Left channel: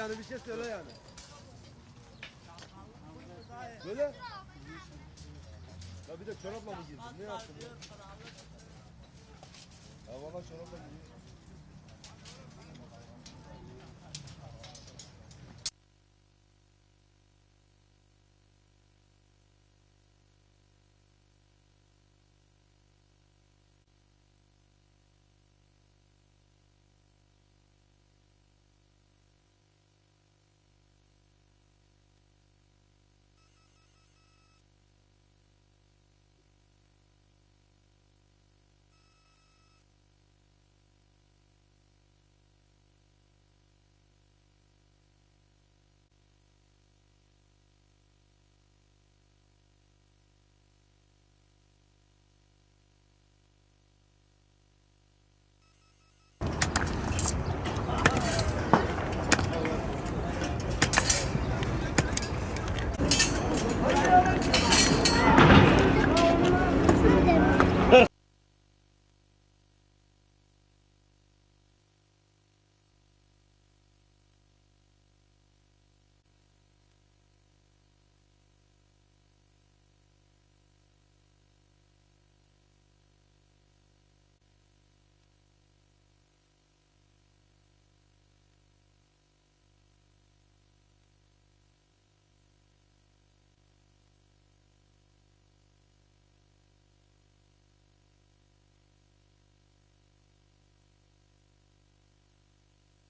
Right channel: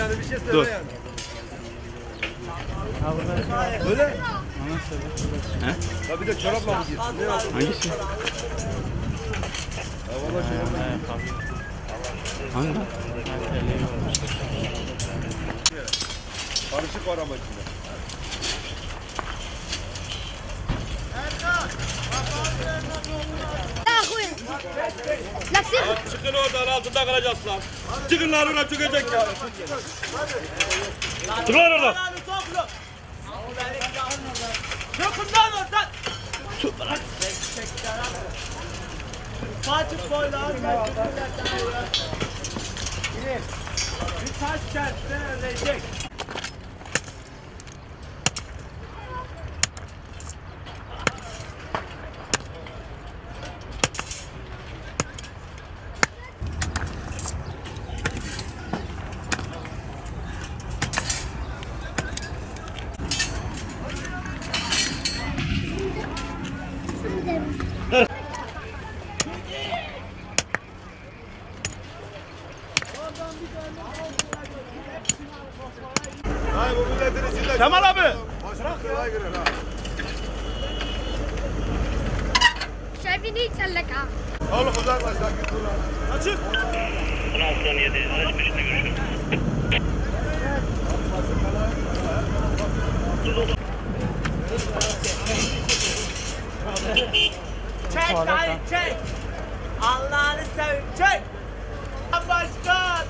yani bir şey söyle Dur. yani. Öyle. He? Ya bir de çorapla mı giyiyorsun? Ne yapıyorsun? Hangisi? Ya valla çorapla. Hangi? Karışık var ama içinde. Çıkın oradan altında kalacaksın. Çıkın lan oradan çıkacak ya. Çıkın oradan. Çıkın lan oradan. Kaçıp koy lan. Bir taş çarptı ölecek. Kemal abi. شايفين ايه تسلك Oğlum uzaklaş lan git buradan. Açık. 16 saniye araç peşinde görüşürüz. Çek dayı çek. Allah'ını seveyim çek. Başkan.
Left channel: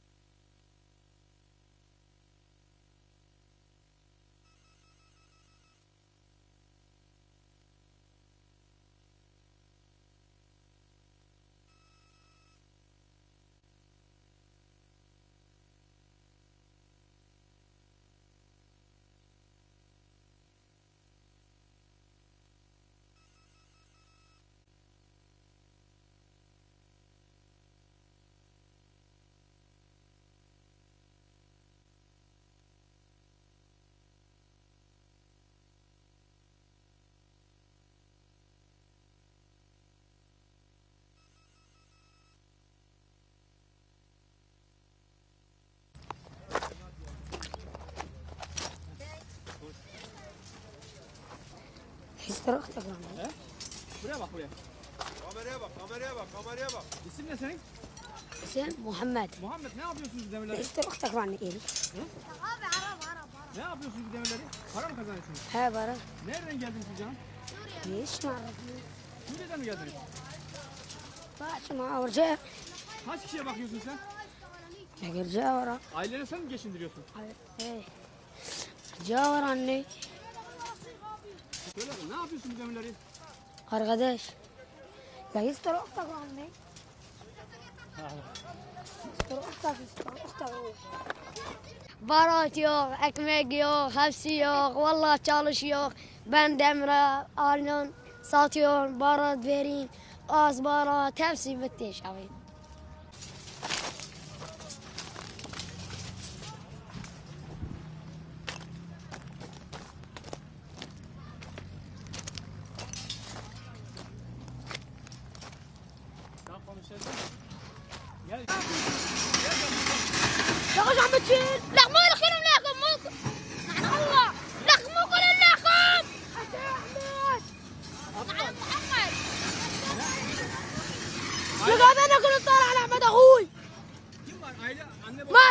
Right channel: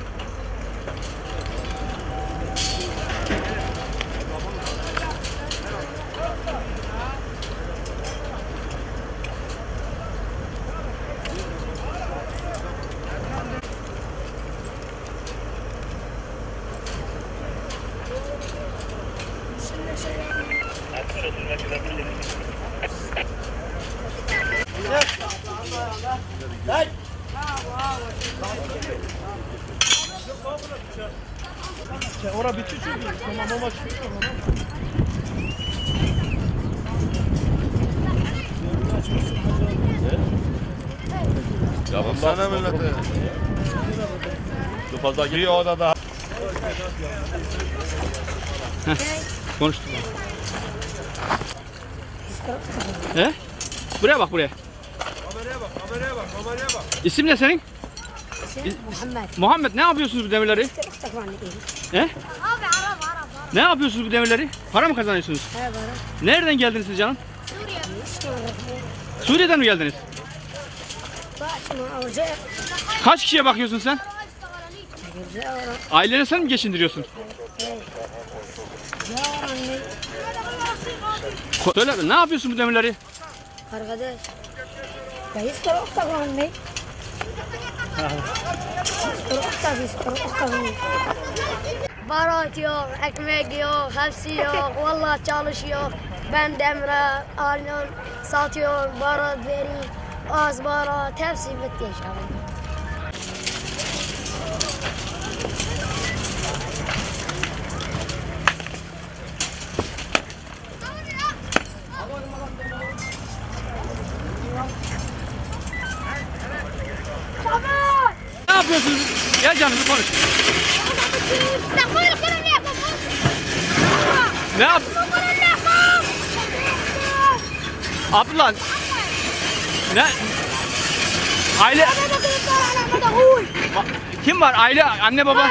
Ora bitti çünkü. Tamam ama çıkıyor. Ya bu sana millete. Bu fazla bir odada. Konuştuk. He? Buraya bak buraya. Kameraya bak, kameraya bak, kameraya bak. İsim ne senin? محمد Muhammed, ne yapıyorsunuz bu demirleri? اختك وعني He? ابي عرب عرب Ne yapıyorsunuz bu demirleri? Para mı kazanıyorsunuz? ها برا Nereden geldiniz siz canım? سوريا Suriye'den mi geldiniz? ورجع Kaç kişiye bakıyorsun sen? ورجع ورا Aileni sen mi geçindiriyorsun? يا وراني Söyle ne yapıyorsun bu demirleri? قرقدش يستر اختك وعني يستر اختك Barat yok, ekmek yok, hepsi yok. Vallahi çalışıyor. Ben demire aynen satıyorum. Barat veri, az barat, hepsi bitti inşallah. Ne yapıyorsunuz? Gel canım bir konuş. Ne yap? Abdullah. Ne? Aile. Kim var? Aile, anne baba.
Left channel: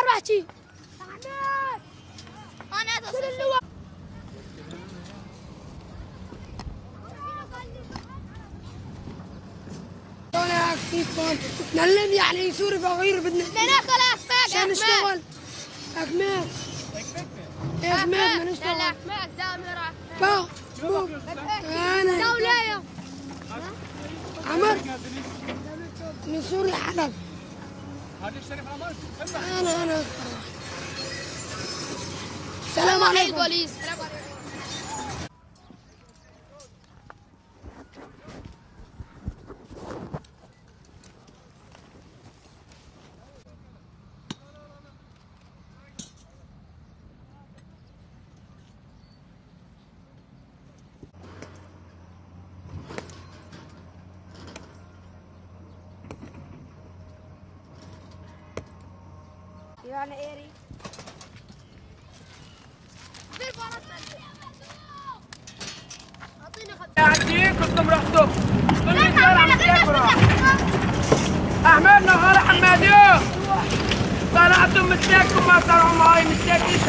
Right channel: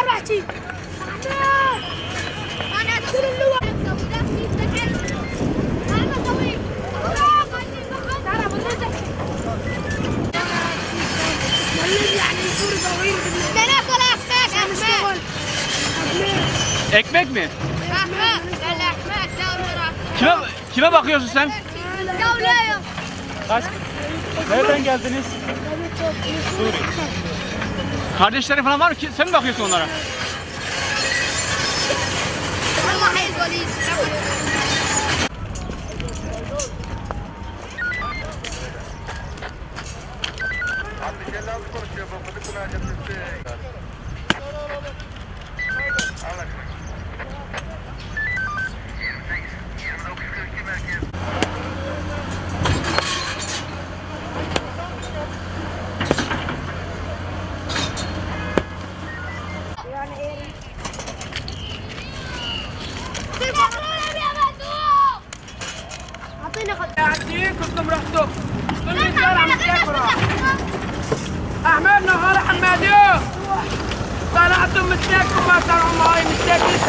Ekmek mi? Kime bakıyorsun sen? Nereden geldiniz? Kardeşlerin falan var mı? Sen mi bakıyorsun onlara? اعطيني خد قاعدين كنتم رحتوا كل الشارع مسافرة. احمد نهار حمادي طلعتم مساكم ما طلعوا معي مساكين.